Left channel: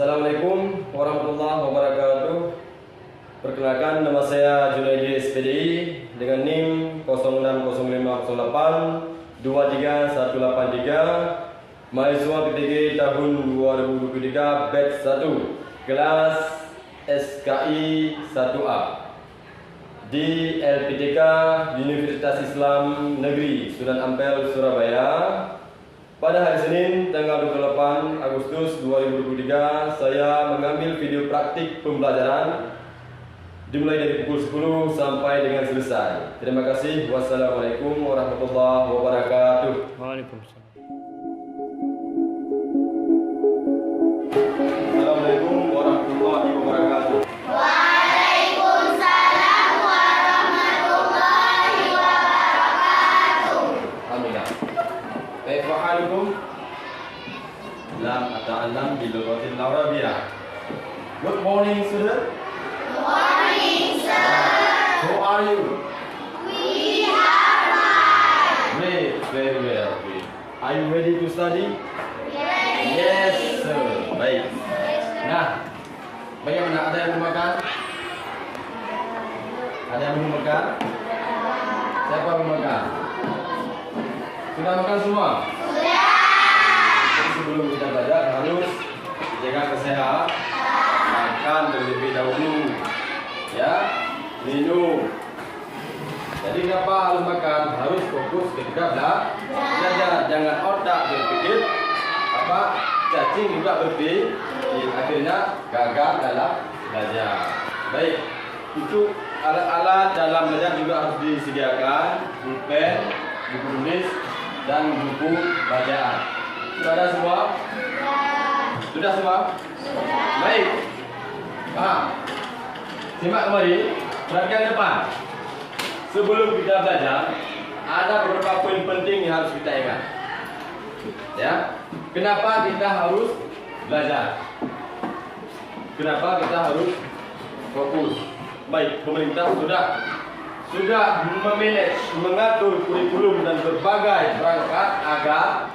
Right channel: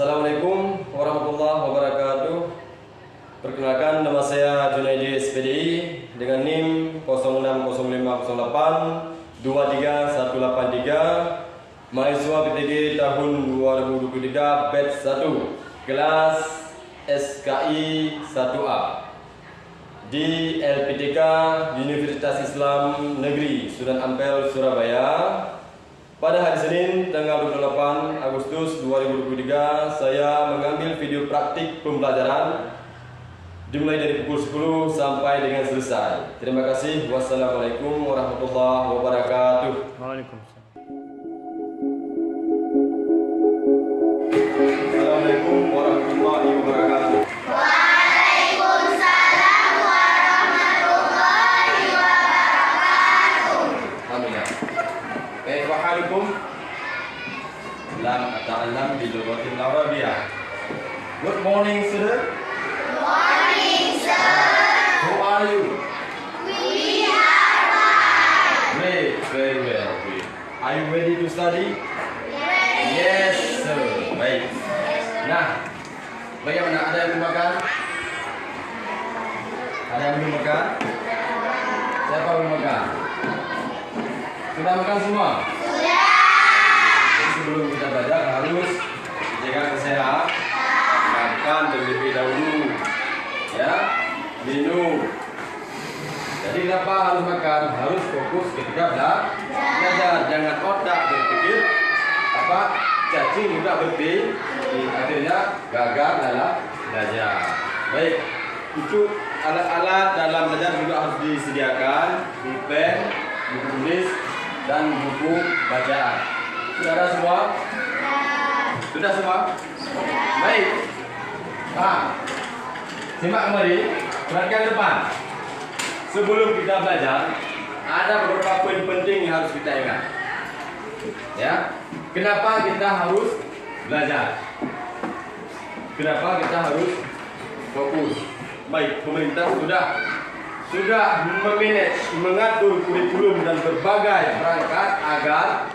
Assalamualaikum warahmatullahi wabarakatuh. Perkenalkan, nama saya Junaidi SPDI dengan NIM 060508 23183, mahasiswa PTG tahun 2023 batch 1 kelas SKI 1A di LPTK Universitas Islam Negeri Sunan Ampel, Surabaya. Pada hari Senin tanggal 28 Agustus 2023, saya mengambil video praktik pembelajaran dimulai dari pukul 10 sampai dengan selesai. Terima kasih. Wassalamualaikum warahmatullahi wabarakatuh. Waalaikumsalam. Assalamualaikum warahmatullahi wabarakatuh. Waalaikumsalam warahmatullahi wabarakatuh. Amin. Kaifa halukum? Lam ata'allam bil lughatil arabiyyah. Good morning, student. Good morning, sir. Who are you? We are fine. Great, very well. Great. Are you ready to study? Yes. Yes, sir. Baik. Nah, bagaimana? Ada yang belum makan? Ada yang belum makan? Siapa belum makan? Sudah makan semua? Sudah. Jadi sebelum kita belajar harus jaga kesehatan. Makan terlebih dahulu, ya, minum. Jadi kenapa harus makan? Harus fokus ketika belajar. Jangan otak berpikir cacing juga berpikir, akhirnya gagal dalam belajar. Baik, itu alat-alat dalam belajar juga harus disediakan, pulpen, buku tulis, dan buku bacaan. Sudah ada semua? Sudah semua? Baik. Paham? Simak kembali, perhatikan depan. Sebelum kita belajar, ada beberapa poin penting yang harus kita ingat. Ya, kenapa kita harus belajar? Kenapa kita harus fokus? Baik, pemerintah sudah memanage, mengatur kurikulum dan berbagai perangkat agar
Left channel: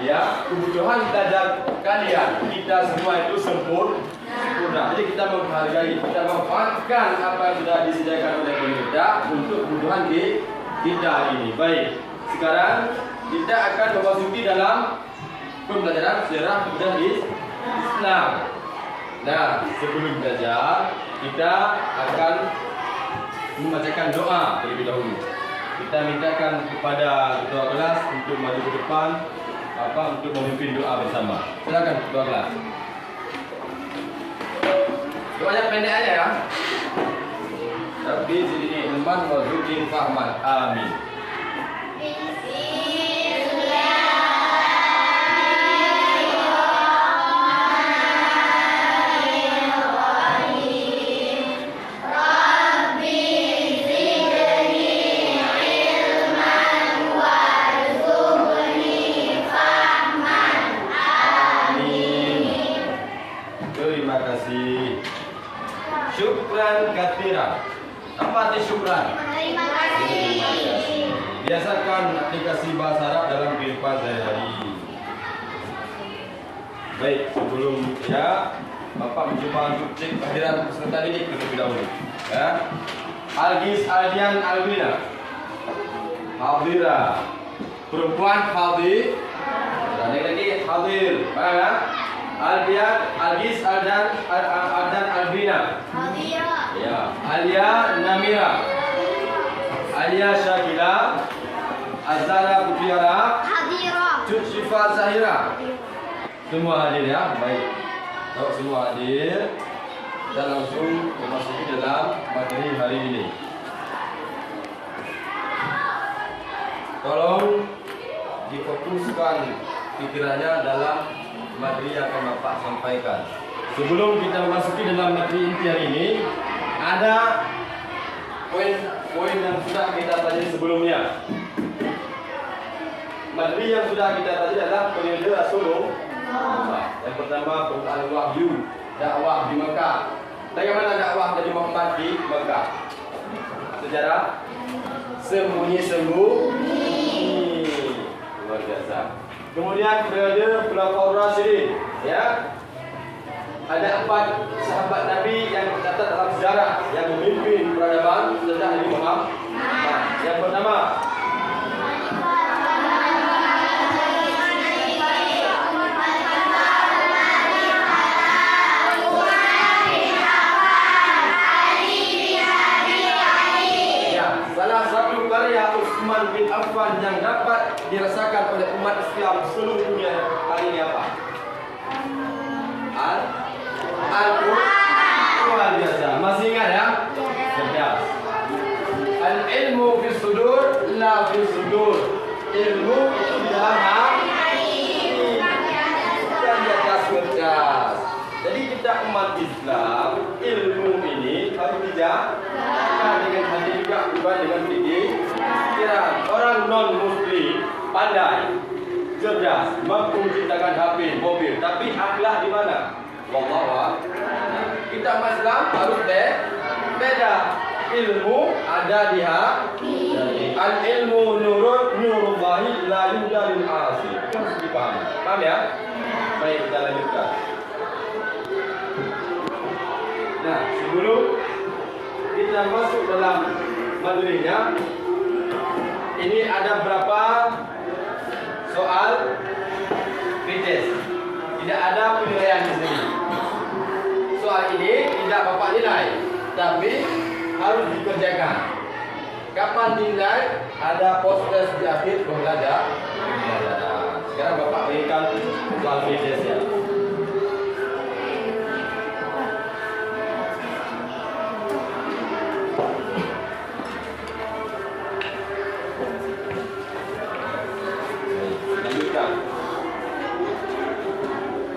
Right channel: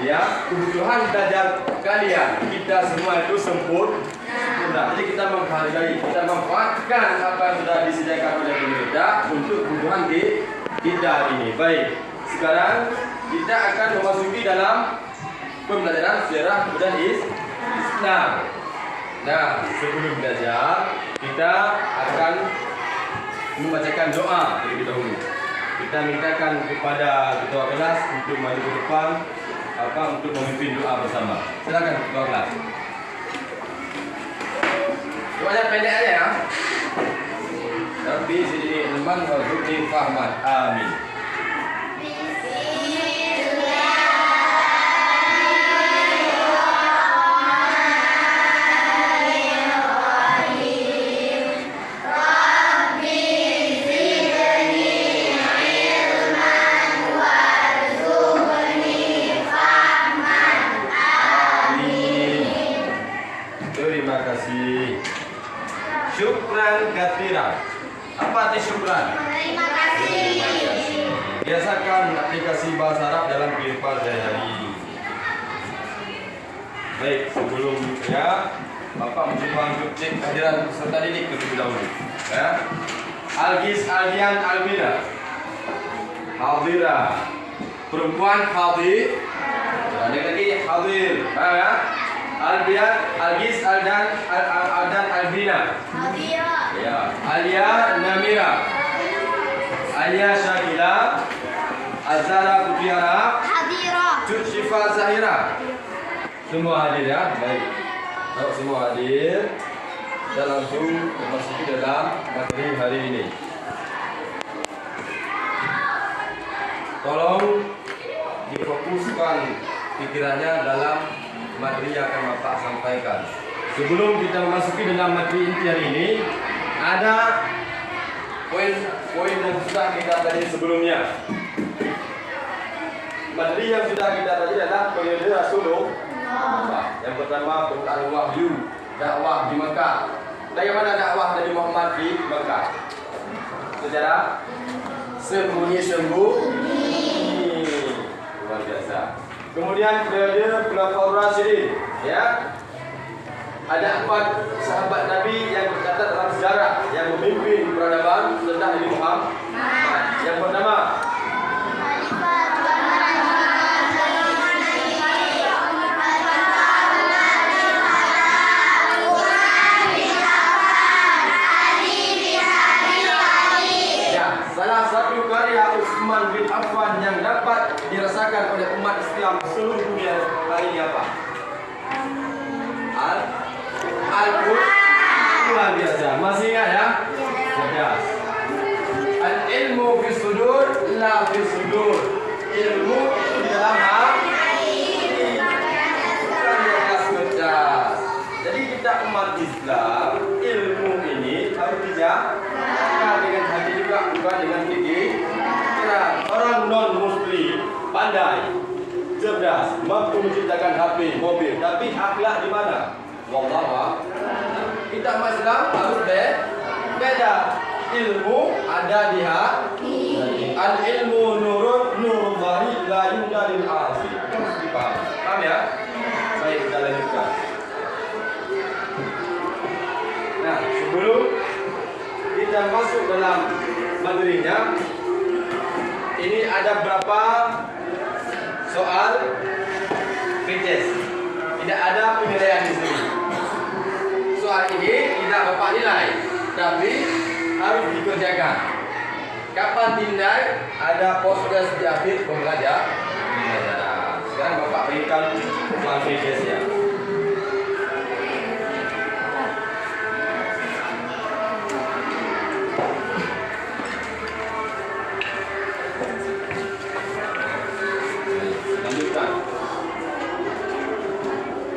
ya kebutuhan belajar kalian kita semua itu sempurna. Jadi kita menghargai, kita memanfaatkan apa yang sudah disediakan oleh pemerintah untuk kebutuhan kita ini. Baik, sekarang kita akan memasuki dalam pembelajaran sejarah dan Islam. Nah, sebelum belajar kita akan membacakan doa terlebih dahulu. Kita mintakan kepada ketua kelas untuk maju ke depan untuk memimpin doa bersama. Silakan ketua kelas. Doanya pendek aja ya. Rabbi zidni ilman warzuqni fahman. Amin. Terima kasih. Syukran katsiran. Apa arti syukran? Terima kasih. Biasakan aplikasi bahasa Arab dalam kehidupan sehari-hari. Baik, sebelum ya Bapak mencoba untuk cek kehadiran peserta didik terlebih dahulu. Ya. Algis, Aldian, Albina. Hadira. Perempuan hadir. Dan yang lagi hadir. Paham ya? Albian, Algis, Aldan, Albina. Hadira. Ya, Alia, Namira. Alia, Syakila. Azara, Putiara. Hadira. Cut, Syifa, Zahira. Semua hadir ya, baik. Kalau semua hadir, kita langsung memasuki dalam materi hari ini. Tolong difokuskan pikirannya dalam materi yang akan Bapak sampaikan. Sebelum kita memasuki dalam materi inti hari ini, ada poin-poin yang sudah kita pelajari sebelumnya. Materi yang sudah kita pelajari adalah periode Rasulullah. Yang pertama, Quran wahyu, dakwah di Mekah. Bagaimana dakwah Nabi Muhammad di Mekah? Secara sembunyi-sembunyi. Luar biasa. Kemudian periode Khulafaur Rasyidin, ya. ada 4 sahabat Nabi yang tercatat dalam sejarah yang memimpin peradaban setelah Nabi Muhammad. Yang pertama, salah satu karya Utsman bin Affan yang dapat dirasakan oleh umat Islam seluruh dunia hari ini apa? Al-Quran biasa. Masih ingat ya? Cerdas. Al-ilmu fi sudur la fi sudur. Ilmu itu di dalam hati, bukan di atas kertas. Jadi kita umat Islam, ilmu ini harus dijaga dengan hati juga, bukan dengan gigi. Orang non-muslim pandai, cerdas, mampu menciptakan HP, mobil, tapi akhlak di mana? Wallahu. Kita umat Islam harus beda. Ilmu ada di hati. Al ilmu nurun nurullahi la yudalil asi. Harus dipahami. Paham ya? Baik, kita lanjutkan. Nah, sebelum kita masuk dalam materinya, ini ada berapa soal pretest. Tidak ada penilaian di sini. Soal ini tidak Bapak nilai, tapi harus dikerjakan. Kapan dinilai? Ada proses di akhir pembelajaran. Sekarang Bapak berikan soal pretestnya.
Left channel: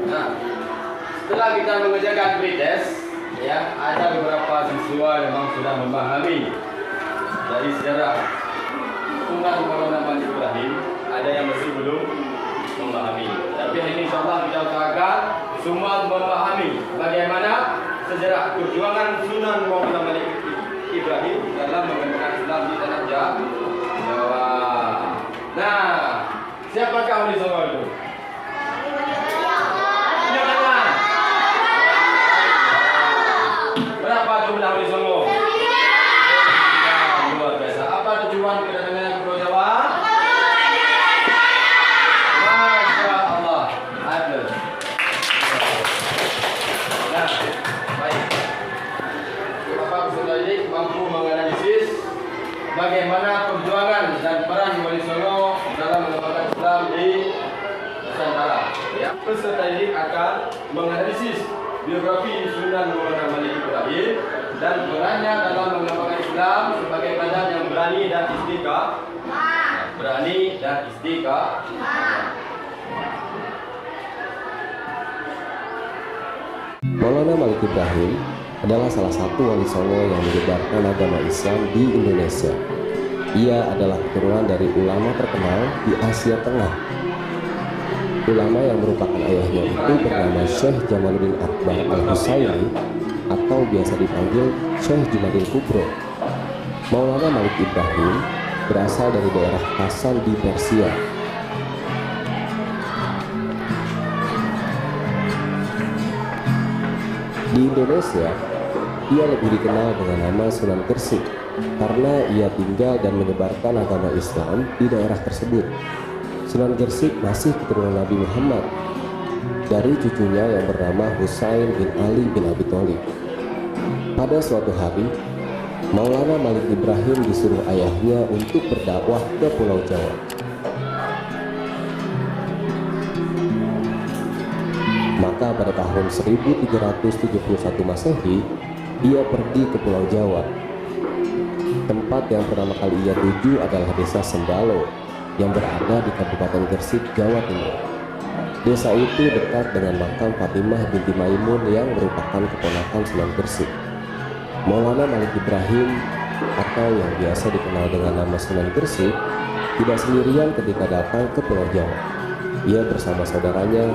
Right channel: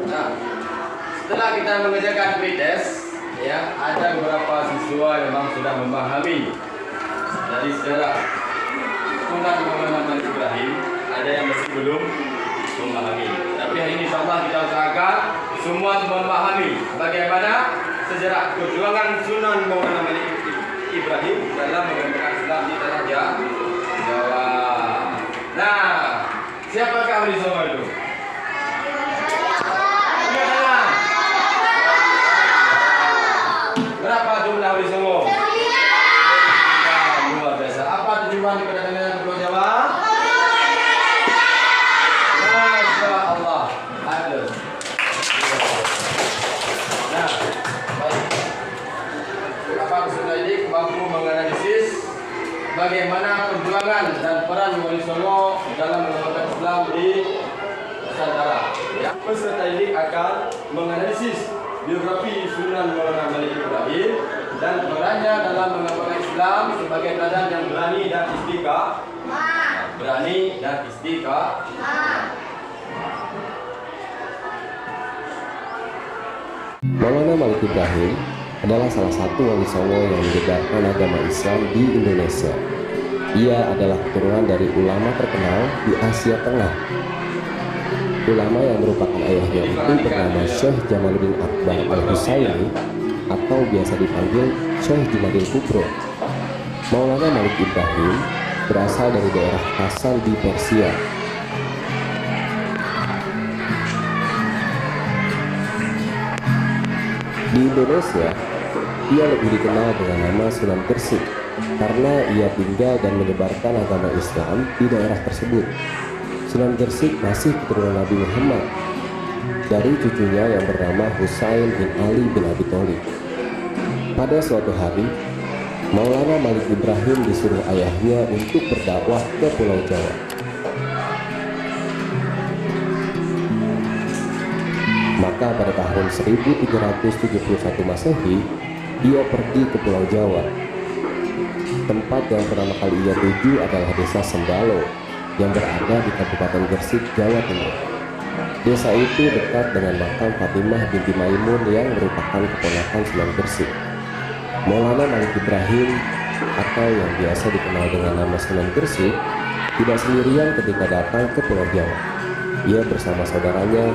Nah, setelah kita mengerjakan pretest, ya, ada beberapa siswa yang memang sudah memahami dari sejarah Sunan Maulana Malik Ibrahim, ada yang masih belum memahami. Tapi hari ini insyaallah kita usahakan semua memahami bagaimana sejarah perjuangan Sunan Maulana Malik Ibrahim dalam mengembangkan Islam di tanah Jawa. Nah, siapakah di semua itu? Berapa jumlah wali songo? Luar biasa. Apa tujuan kedatangan Pulau Jawa? Masya Allah. Adil. Nah, baik. Apa peserta ini mampu menganalisis bagaimana perjuangan dan peran wali songo dalam mengembangkan Islam di Nusantara. Ya, peserta ini akan menganalisis biografi Sunan Maulana Malik Ibrahim dan perannya dalam mengembangkan Islam sebagai teladan yang berani dan istiqamah. Berani dan istiqamah. Maulana Malik Ibrahim adalah salah satu wali songo yang menyebarkan agama Islam di Indonesia. Ia adalah keturunan dari ulama terkenal di Asia Tengah. Ulama yang merupakan ayahnya itu bernama Syekh Jamaluddin Akbar Al-Husaini atau biasa dipanggil Syekh Jumadil Kubro. Maulana Malik Ibrahim berasal dari daerah Kasan di Persia. Di Indonesia, ia lebih dikenal dengan nama Sunan Gresik karena ia tinggal dan menyebarkan agama Islam di daerah tersebut. Sunan Gresik masih keturunan Nabi Muhammad dari cucunya yang bernama Husain bin Ali bin Abi Thalib. Pada suatu hari, Maulana Malik Ibrahim disuruh ayahnya untuk berdakwah ke Pulau Jawa. Maka pada tahun 1371 Masehi, ia pergi ke Pulau Jawa. Tempat yang pertama kali ia tuju adalah desa Sembalo yang berada di Kabupaten Gresik, Jawa Timur. Desa itu dekat dengan makam Fatimah binti Maimun yang merupakan keponakan Sunan Gresik. Maulana Malik Ibrahim atau yang biasa dikenal dengan nama Sunan Gresik tidak sendirian ketika datang ke Pulau Jawa. Ia bersama saudaranya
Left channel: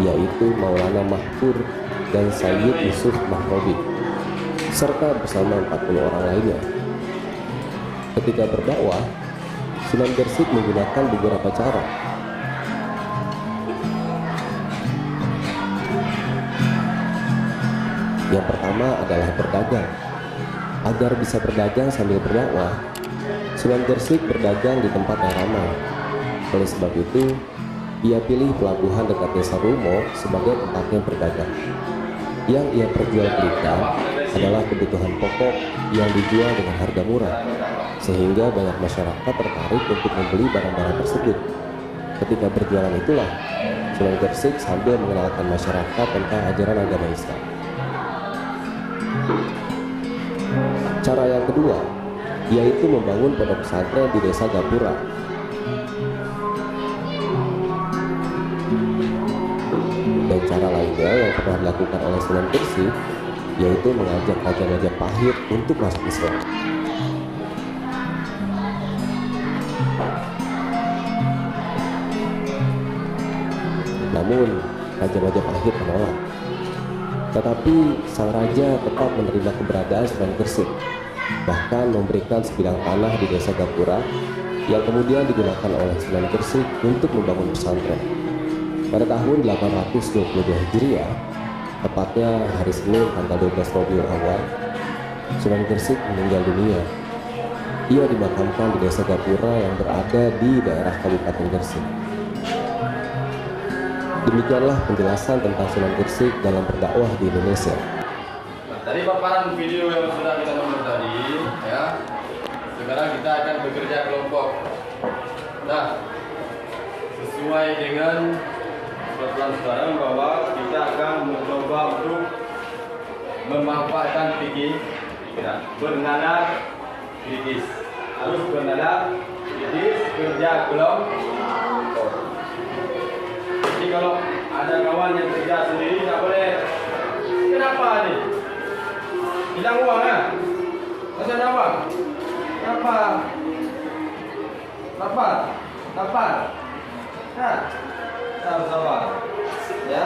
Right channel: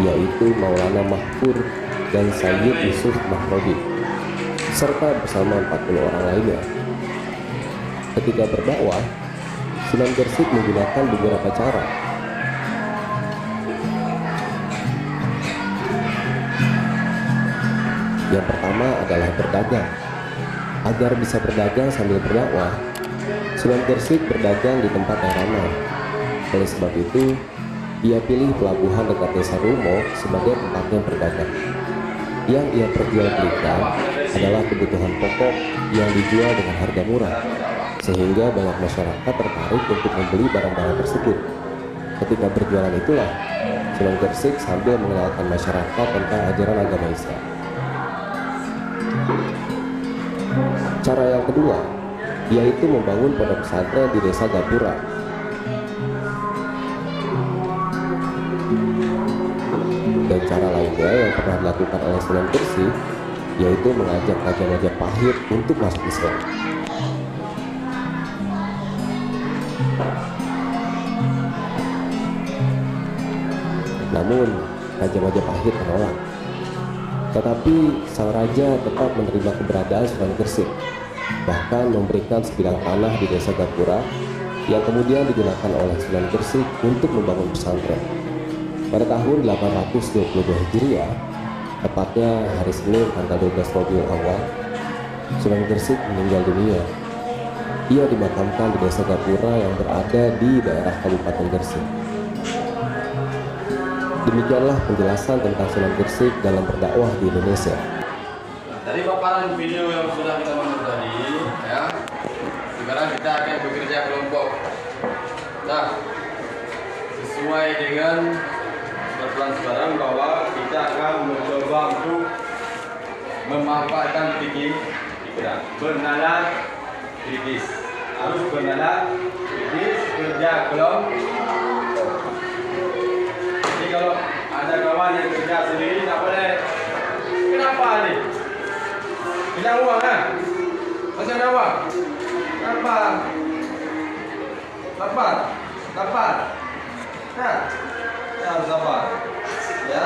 yaitu Maulana Mahfur dan Sayyid Yusuf Mahrobi serta bersama 40 orang lainnya. Ketika berdakwah, Sunan Gresik menggunakan beberapa cara. Yang pertama adalah berdagang. Agar bisa berdagang sambil berdakwah, Sunan Gresik berdagang di tempat yang ramai. Oleh sebab itu, ia pilih pelabuhan dekat Desa Rumo sebagai tempatnya berdagang. Yang ia perjualbelikan adalah kebutuhan pokok yang dijual dengan harga murah, sehingga banyak masyarakat tertarik untuk membeli barang-barang tersebut. Ketika berjualan itulah, Sunan Gresik sambil mengenalkan masyarakat tentang ajaran agama Islam. Cara yang kedua, yaitu membangun pondok pesantren di Desa Gapura. Dan cara lainnya yang pernah dilakukan oleh Sunan Gresik, yaitu mengajak Raja Majapahit untuk masuk Islam. Namun, Raja Majapahit menolak. Tetapi sang raja tetap menerima keberadaan Sunan Gresik, bahkan memberikan sebidang tanah di Desa Gapura yang kemudian digunakan oleh Sunan Gresik untuk membangun pesantren. Pada tahun 822 Hijriah, tepatnya hari Senin tanggal 12 Rabiul Awal, Sunan Gresik meninggal dunia. Ia dimakamkan di Desa Gapura yang berada di daerah Kabupaten Gresik. Demikianlah penjelasan tentang Sunan Gresik dalam berdakwah di Indonesia. Tadi paparan video yang sudah kita nonton tadi, ya. Sekarang kita akan bekerja kelompok. Nah, sesuai dengan plan sekarang bahwa kita akan mencoba untuk memanfaatkan pikiran, bernalar kritis. Harus bernalar kritis, kerja kelompok. Jadi kalau ada kawan yang kerja sendiri tak boleh. Kenapa ni? Hilang uang kan? Macam mana awak? Kenapa? Lapar? Ha? Sabar. Ya.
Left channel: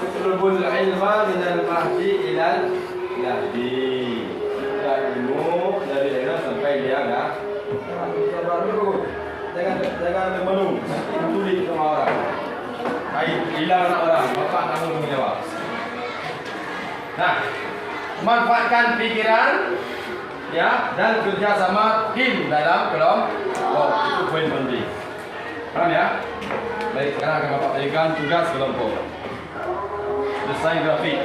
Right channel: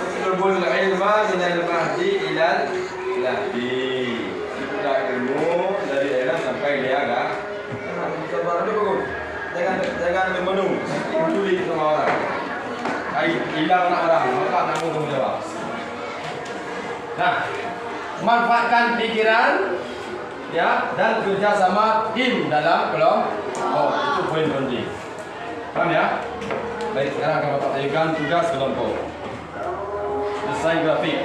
Utlubul ilma minal mahdi ilal lahdi. Kita ilmu dari era sampai liaga. Sabar dulu bagus. Jangan menung. Peduli sama orang. Hilang anak orang, bapak tak mau tanggung jawab. Nah, manfaatkan pikiran, ya, dan kerjasama tim dalam kelompok. Itu poin penting. Paham ya? Baik, sekarang akan bapak tunjukkan tugas kelompok. Desain grafik.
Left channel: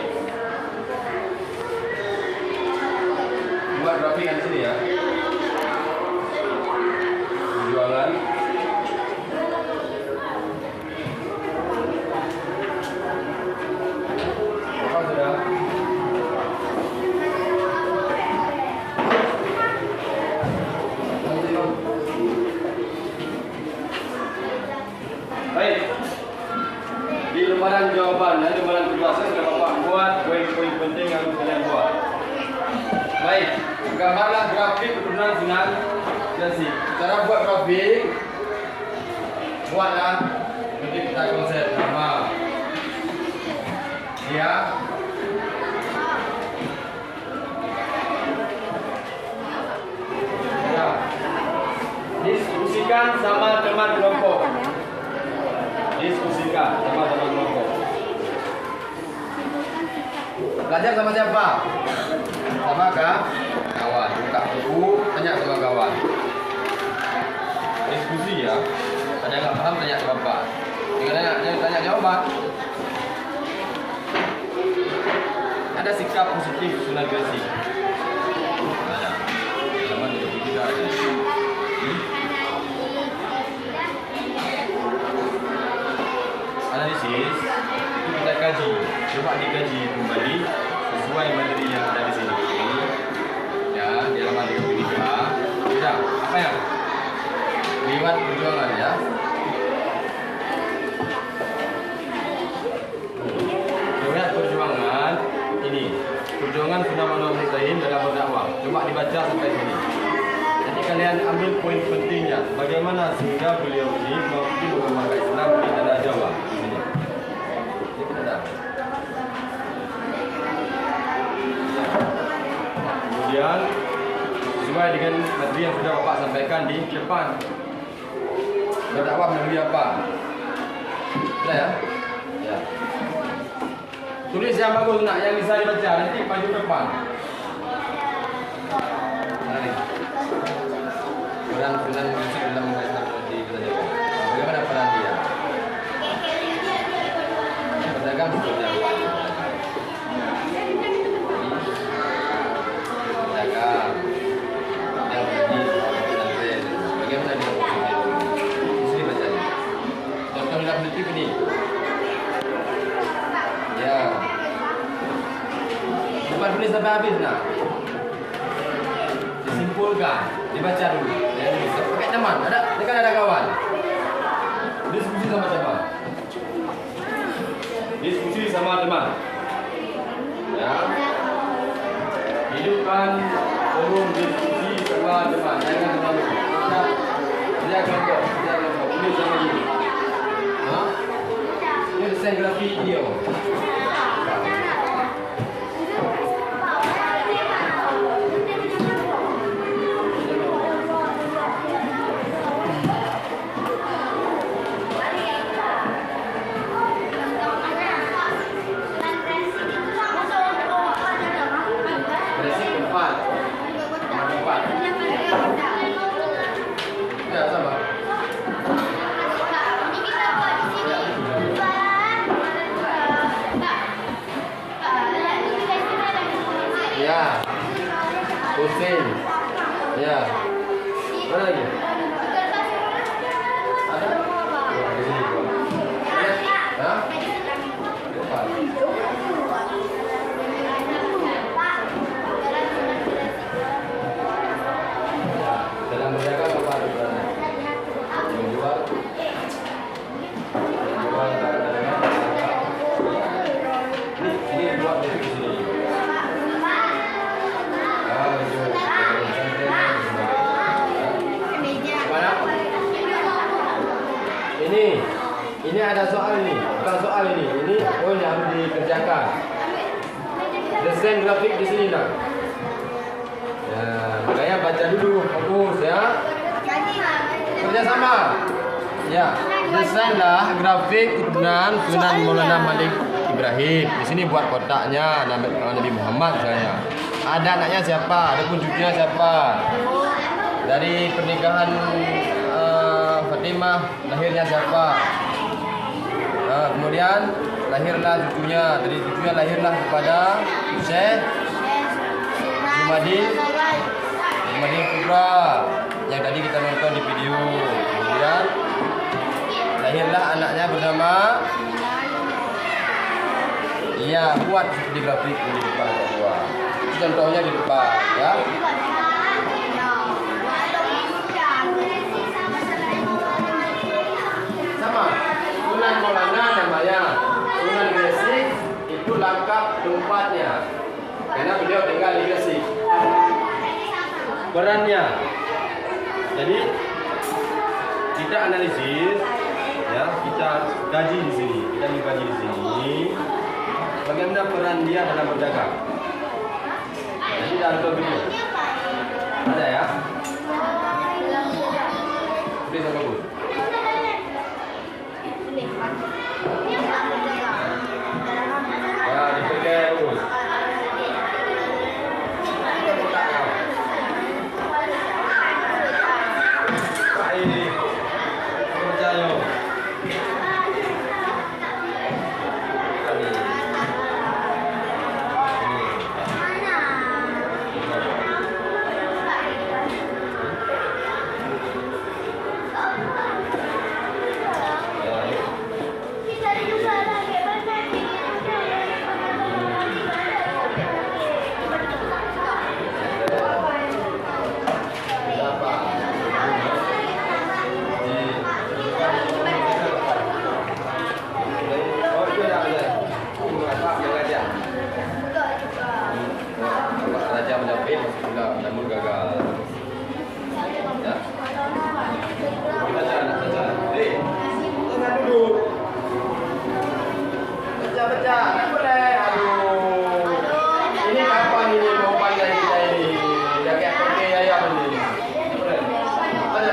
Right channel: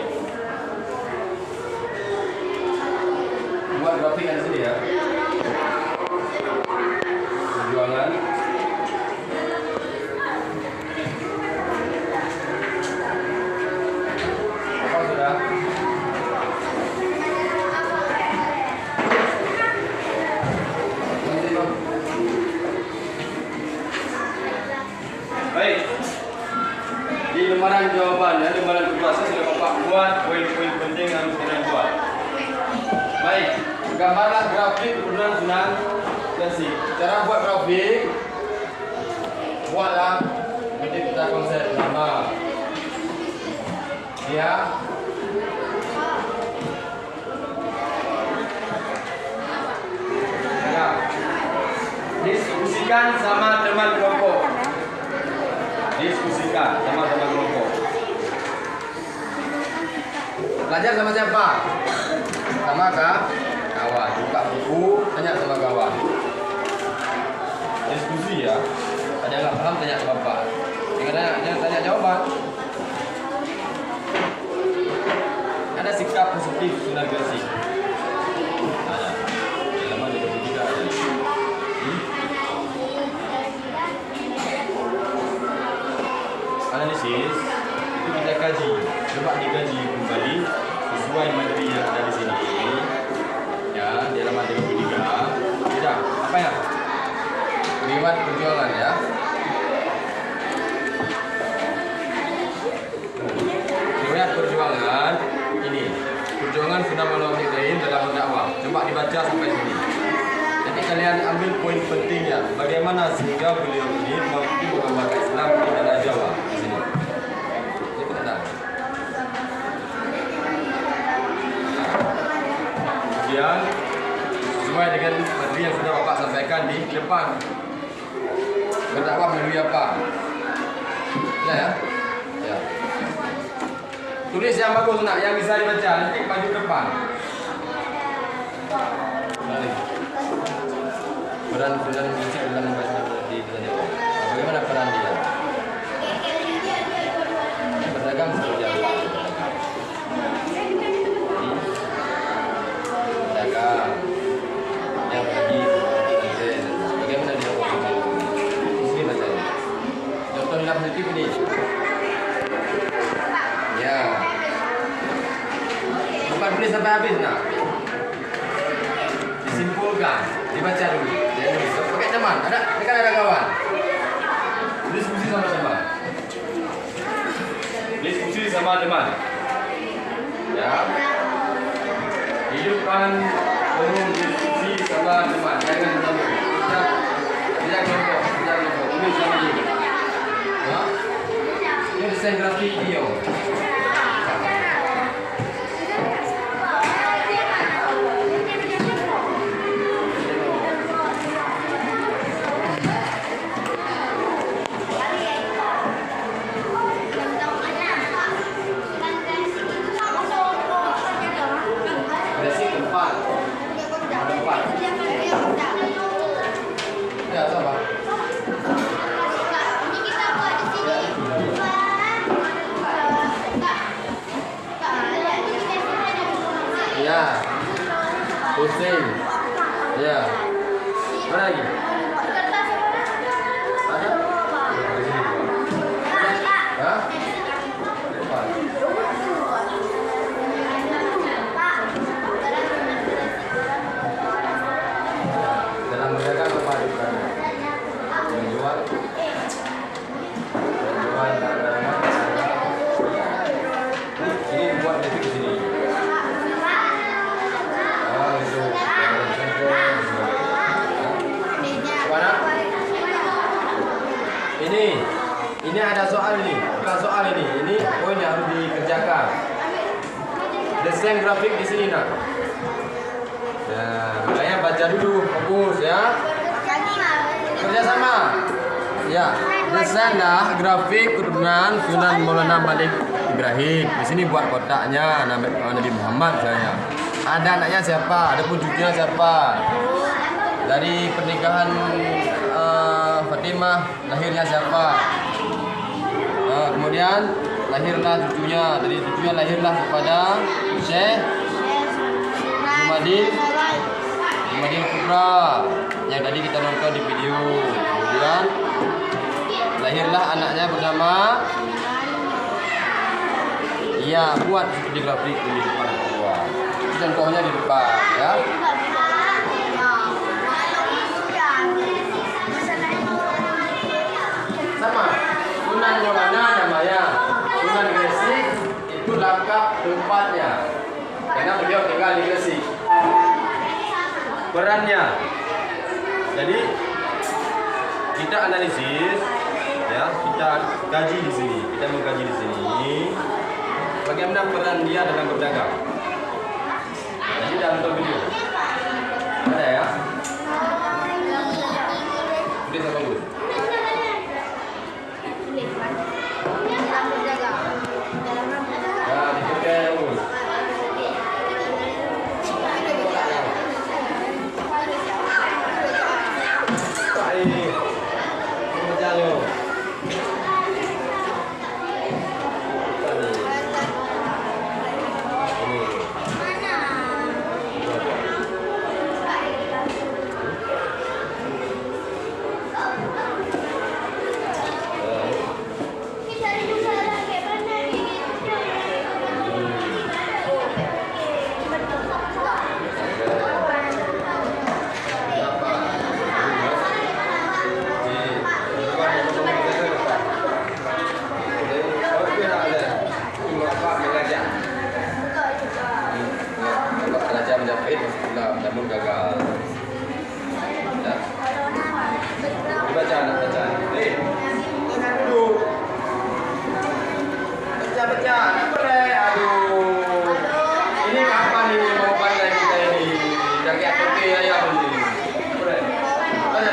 Buat grafik ada di sini ya. Perjuangan. Apa sudah? Baik. Di lembaran jawaban dan lembaran tugasnya sudah bapak buat poin-poin penting yang harus kalian buat. Baik, gambarlah grafik kemudian Sunan Gresik. Cara buat grafik, buatlah nanti kita konsep nama. Ya. Ya. Diskusikan sama teman kelompok. Diskusikan sama teman kelompok. Belajar sama siapa? Sama kawan. Buka buku, tanya sama kawan. Diskusi ya. Ada nggak paham tanya ke bapak. Jangan tanya jawaban. Ada sikap positif Sunan Gresik. Ada. Halaman 33 ada. Analisis itu kita kaji, coba dikaji kembali sesuai materi yang ada di sini. Ya, di halaman 33. Tidak, apa ya? Riwayat perjuangan ya. Riwayat perjuangan ini. Perjuangan sudah Maulana Ibrahim dalam berdakwah. Coba dibaca sampai sini. Nanti kalian ambil poin pentingnya. Bagaimana sehingga beliau ini mampu mengembangkan Islam di tanah Jawa di sini. Ini kita dah. Kemudian sesuai dengan materi yang sudah bapak sampaikan di depan. Berdakwah melalui apa? Sudah ya? Ya. Tulis yang bagus nak, yang bisa dibaca. Nanti maju ke depan. Mari. Peran Sunan musik dalam membaca di Kerajaan. Bagaimana peran dia? Pedagang seperti apa? Pedagang yang pergi ke pesantren. Bagaimana dia bekerja? Sini bacanya. Contoh dalam sedikit ini. Ya. Bukan tulis sampai habis nak. Disimpulkan, dibaca dulu. Jangan tulis. Pakai teman. Ada, ini kan ada kawan. Diskusi sama siapa? Diskusi sama teman. Ya. Hidupkan forum diskusi sama teman. Jangan terlalu. Tidak kelompok, tidak kelompok. Tulis sama dia. Ha? Ini desain grafik dia. Ya, sama. Ya. Pusing. Ya. Mana lagi? Ada? Ya? Dalam berdagang apa perannya? Menjual barang-barang. Ini buat detik di sini. Itu. Mana? Ini ada soal ini, bukan soal ini. Ini poin yang harus dikerjakan. Desain grafik di sini nak. Ya, makanya baca dulu, fokus ya. Kerjasama. Ya, desainlah grafik keturunan Sunan Maulana Malik Ibrahim. Di sini buat kotaknya Nabi Muhammad misalnya. Ada anaknya siapa? Ada pun cucunya siapa? Dari pernikahan Fatimah lahirnya siapa? Kemudian lahirlah cucunya. Dari cucunya lahirlah kepada Syekh Jumadil Kubra yang tadi kita nonton di video. Kemudian lahirlah anaknya bernama. Ya, buat di grafik di depan keluar. Contohnya di depan ya. Sama Sunan Maulana namanya Sunan Gresik, itu lengkap tempatnya karena beliau tinggal di Gresik. Perannya, jadi kita analisis ya, kita kaji di sini, kita mengkaji di sini bagaimana peran dia dalam berdagang. Jadi dah nonton video ada ya, udah saya bagus. Menjahit namun gagal. Ya. Baca, baca. Ingat dulu. Baca. Apa boleh? Aduh. Ini kapan ini mau pandai kita ini? Dah kayak kote ayam ini. Boleh. Baca.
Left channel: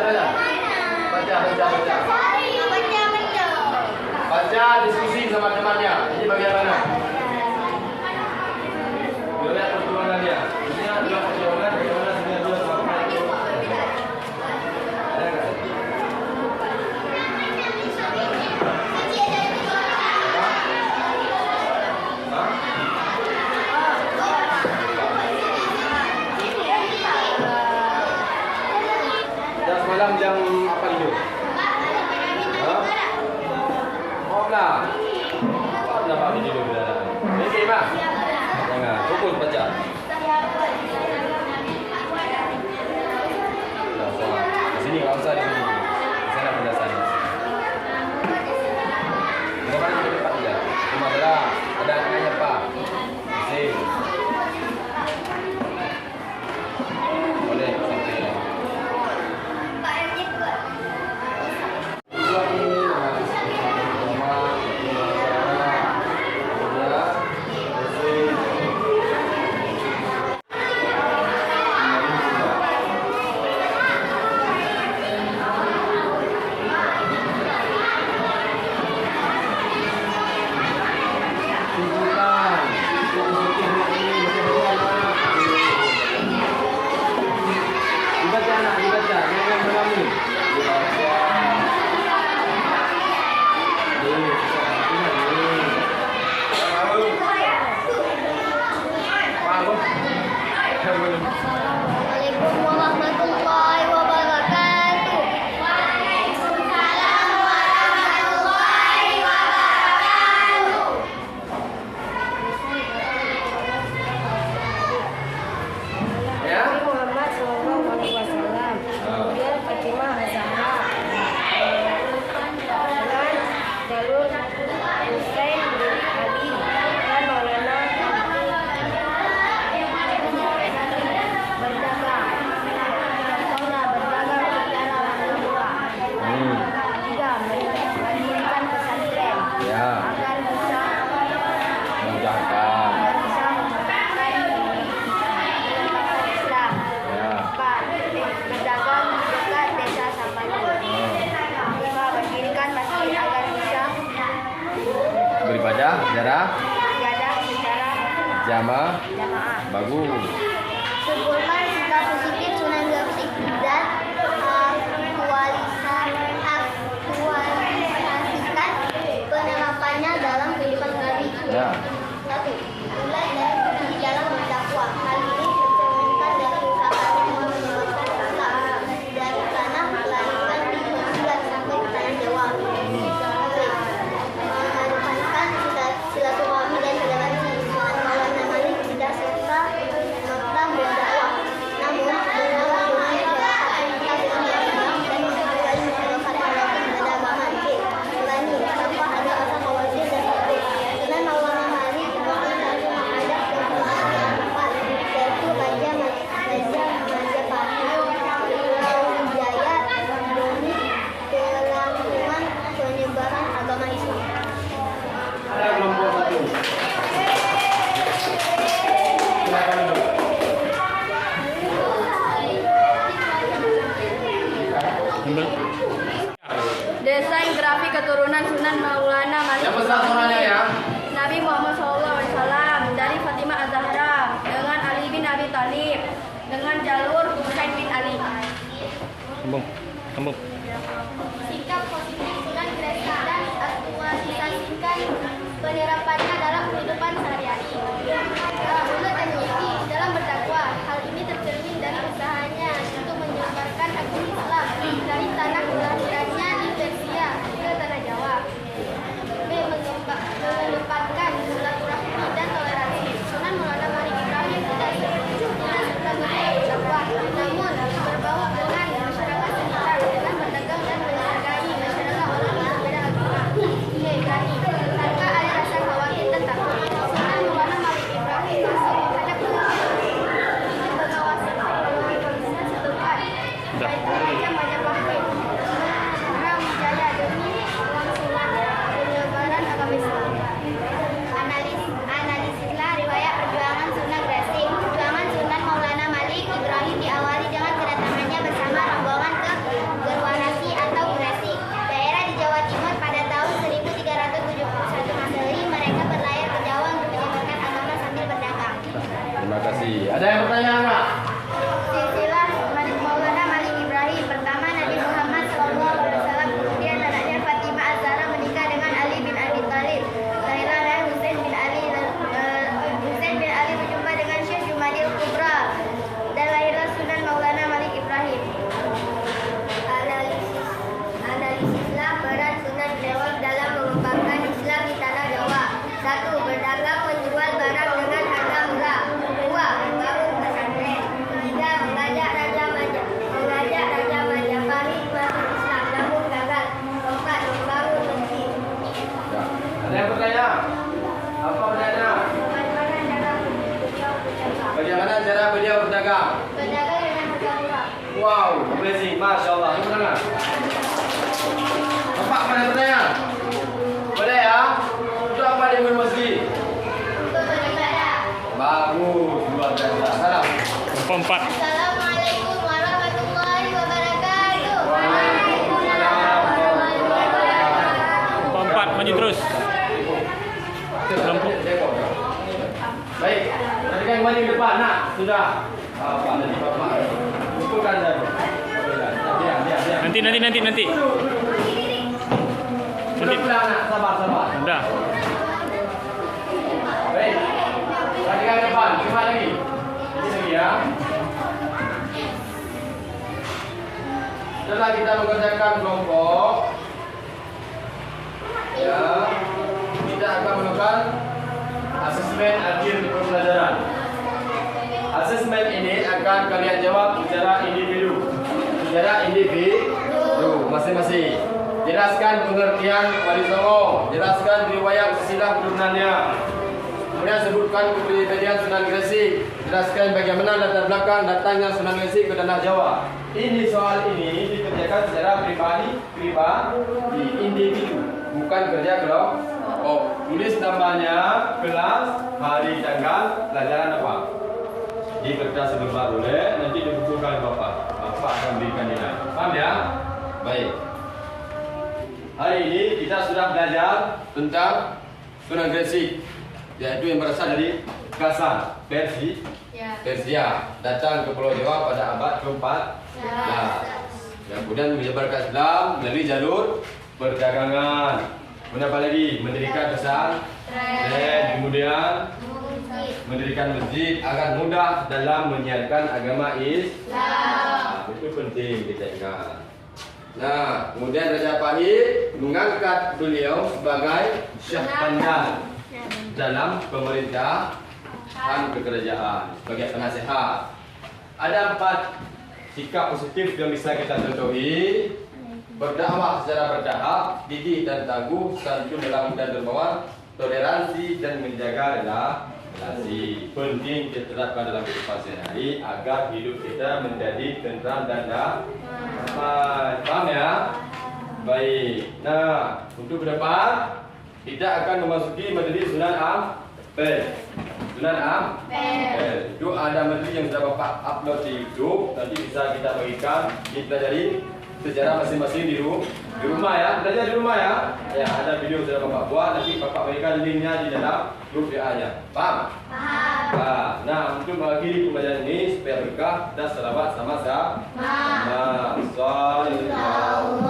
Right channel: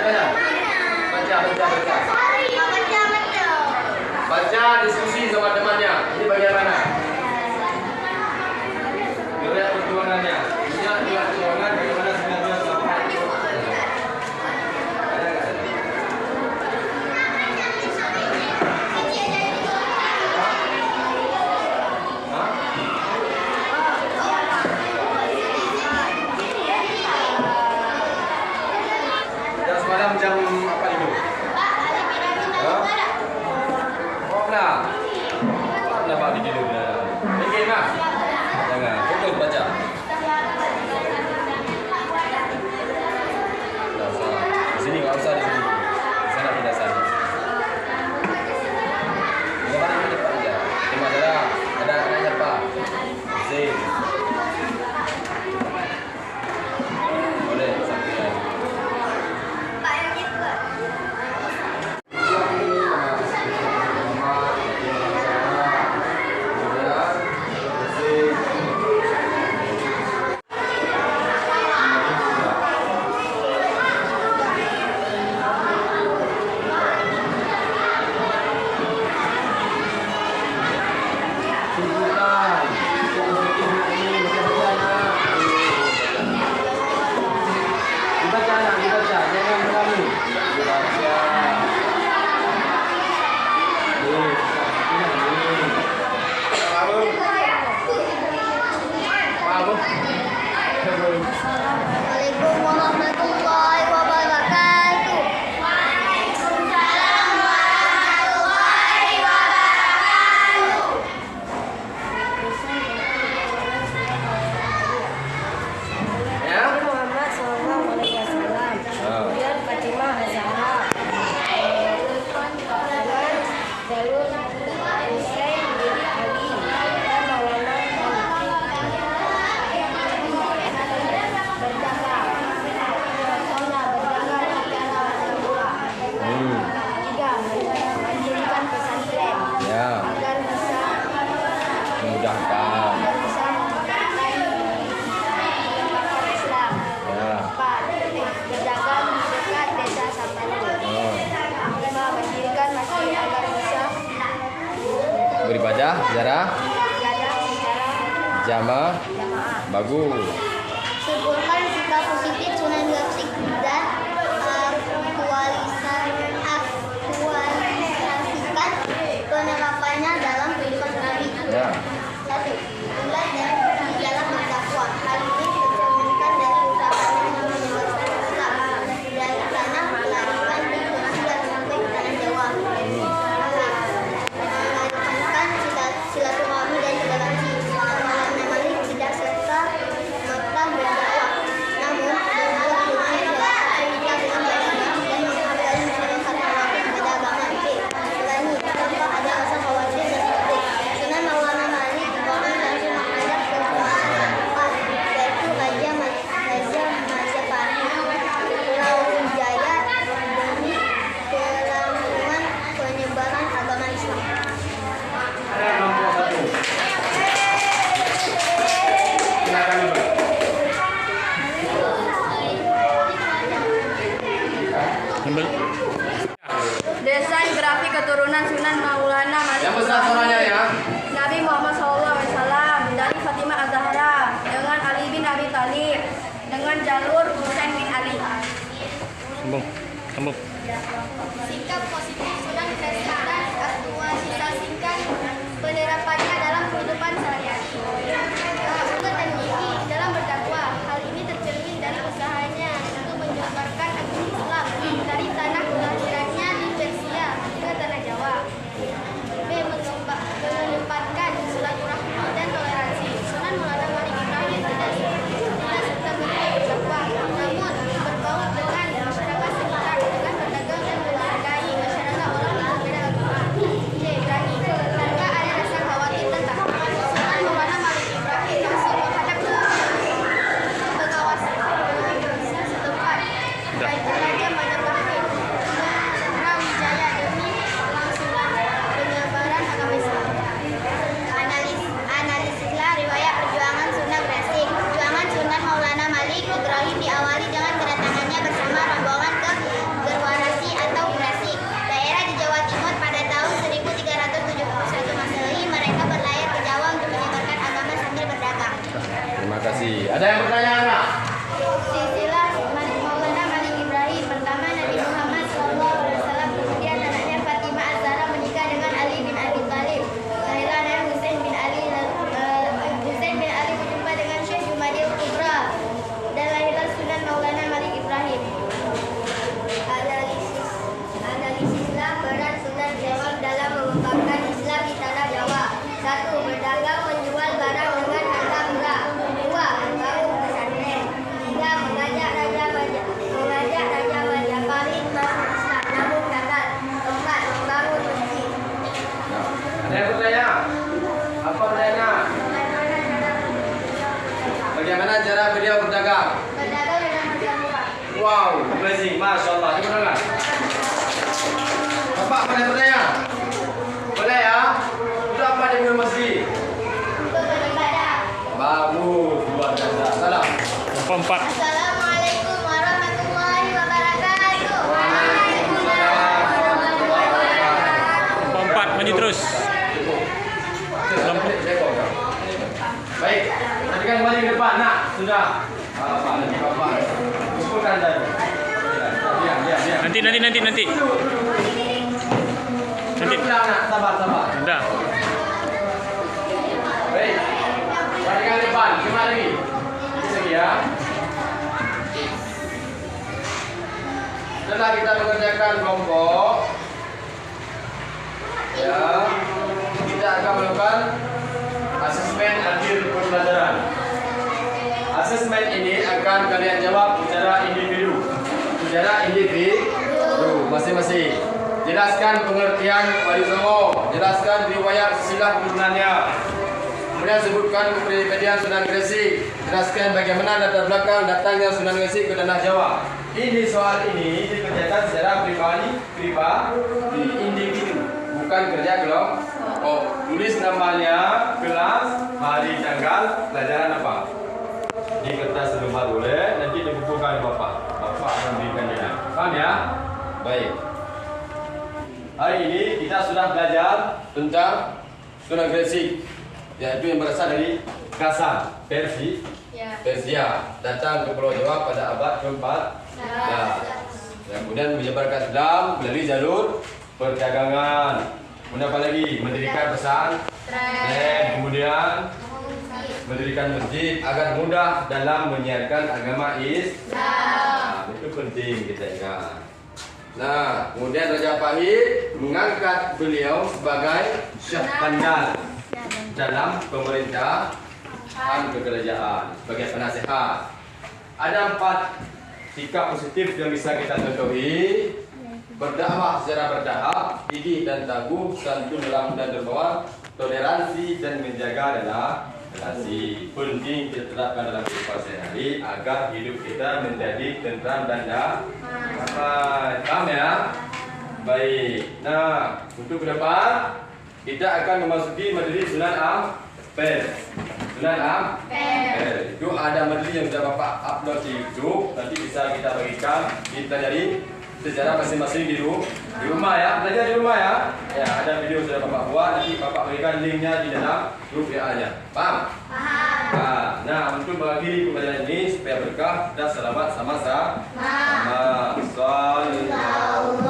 Baca, diskusi sama temannya. Ini bagaimana? Miki, Mak. Jangan, fokus baca. Nah, sana. Di sini nggak usah di sini. Di sana tidak sana. Bukan di depan aja. Cuma ada yang depan. Di sini. Boleh sampai lagi. Dibaca anak, dibaca, jangan mengalami. Dibaca. Ini, Assalamualaikum warahmatullahi wabarakatuh. Waalaikumsalam warahmatullahi wabarakatuh. Ya. Muhammad Sallallahu Alaihi Wasallam. Kemudian Fatimah Az-Zahra dengan jalur Husain bin Ali dan Maulana berdagang. Pertama, berdagang secara murah. Tiga, mendirikan pesantren Ya. agar bisa Memudahkan. memudahkan penyebaran Islam. Ya. 4. Berdagang di dekat desa Sapanu. 5. Mendirikan masjid agar bisa Beribadah secara beribadah secara jamaah. Bagus. Simpulkan sikap positif Sunan Gosip dan aktualisasikan penerapannya dalam kehidupan sehari. Ya. 1. Bulan dan di dalam berdakwah. Hal ini tercerminkan dari usahanya untuk menyebarkan Islam dari tanah kelahiran di Persia sampai ke tanah Jawa. B. Mengedepankan silaturahmi dan toleransi. Sunan Maulana Malik tidak serta-merta berdakwah, namun mengalah dengan masyarakat Islam dengan beragam dan menghargai masyarakat walaupun berbeda agama. C. Berani tanpa ada rasa khawatir dan takut. Sunan Maulana Malik Ibrahim langsung menghadap ke penguasa keempat, yaitu Raja Majapahit Brawijaya demi kelangsungan penyebaran agama Islam. Ada kelompok satu. Silakan dulu. desain grafik keturunan Sunan Maulana Malik Yang besar suaranya ya. Nabi Muhammad SAW dari Fatimah Az-Zahra dengan Ali bin Abi Thalib dengan jalur Husain bin Ali. Sambung. Sikap positif Sunan Gosip dan aktualisasikan penerapannya dalam kehidupan sehari-hari. Untuk teknologi dalam berdakwah, hal ini tercermin dan usahanya untuk menyebarkan agama Islam dari tanah kelahirannya di Persia ke tanah Jawa. B. Mengedepankan silaturahmi dan toleransi. Sunan Maulana Malik Ibrahim tidak serta-merta berdakwah, namun berbaur dengan masyarakat sekitar dengan berdagang dan menghargai masyarakat orang yang berbeda agama. C. Berani tanpa ada rasa khawatir dan takut. Sunan Maulana Malik Ibrahim langsung menghadap ke pengawasan setempat, yaitu Raja Majapahit Brawijaya demi kelangsungan penyebaran agama Islam. Analisislah riwayat perjuangan Sunan Gresik. Perjuangan Sunan Maulana Malik Ibrahim diawali dengan kedatangannya bersama rombongan ke Gerwanasi atau Gresik, daerah di Jawa Timur pada tahun 1371 Masehi. Mereka berlayar ke Jawa untuk menyebarkan agama sambil berdagang. Terima kasih. Ada yang bertanya enggak? Silsilah Maulana Malik Ibrahim. Pertama, Nabi Muhammad SAW, kemudian anaknya Fatimah Az-Zahra menikah dengan Ali bin Abi Thalib. Lahirlah dari Husain bin Ali. Husain bin Ali berjumpa dengan Syekh Jumadil Kubra dan lahirlah Sunan Maulana Malik Ibrahim. Analisislah peran Sunan Gresik dalam mengembangkan Islam di tanah Jawa. 1. Berdagang cara beliau berdagang? Berdagang dengan harga murah. Wow, blessing, masya Allah. Cuba dengar. Bapak pada bertanya? Boleh ya? Untuk apa dia buka masjid? Untuk beribadah. Bagus, luar biasa. Salam. Empat. Assalamualaikum warahmatullahi wabarakatuh. Waalaikumsalam warahmatullahi wabarakatuh. Empat, maju terus. Lampu. Baik, tadi kan kembali ke depan. Nak, sudah. Bapak, nanti bapak. Kumpulkan saya. Biar. Nanti. Nanti. Pulang, nak. Sabar. Dah. Baik. Perhatikan ke depan. Gimana lagi? Ini lagi ya. Setelah kita mengerjakan kelompok, ya, kita akan melakukan asesmen akhir pembelajaran. Asesmen ini akan kalian jawab secara individu. Masing-masing. Jelaskan pengertian Wali Songo. Jelaskan riwayat silsilah keturunannya. Kemudian sebutkan kepribadian Sunan Gresik. Jelaskan bagaimana latar belakang datangnya Sunan Gresik ke tanah Jawa. Ini soal ini dikerjakan secara pribadi, individu, bukan kerja kelompok. Tulis namanya, kelas, hari, tanggal, pelajaran apa. Di kertas lembar boleh, nanti dibukukan Bapak. Bapak akan berikan dia. Paham ya? Baik. Hari ini kita sudah belajar tentang Sunan Gresik, yaitu yang berasal dari Kasan, Persia, datang ke Pulau Jawa pada abad ke-4. Kemudian menyebarkan Islam melalui jalur perdagangan. Kemudian apa lagi? Mendirikan pesantren, kemudian mendirikan masjid agar mudah dalam menyiarkan agama Islam. Itu penting kita ingat. Nah, kemudian Raja Pahit mengangkat beliau sebagai Syekh Pandal dalam pemerintahan kekerajaan sebagai penasehat. Ada 4 sikap positif yang bisa kita contohi: berdakwah secara bertahap, gigih dan tangguh, santun dalam dan dermawan, toleransi dan menjaga relasi. Penting diterapkan dalam kehidupan sehari-hari agar hidup kita menjadi tentram dan damai. Paham ya? Baik. Nah, untuk ke depan kita akan memasuki majelis Sunan Ampel. Itu ada majelis yang sudah Bapak upload di YouTube. Nanti bisa kita bagikan, kita jadi secara masing-masing di rumah ya. Belajar di rumah ya. Ya, ada video sudah Bapak buat. Nanti Bapak berikan linknya di dalam grup WA-nya. Paham? Nah, untuk mengakhiri pembelajaran ini supaya berkah dan selamat sama-sama. Sallallahu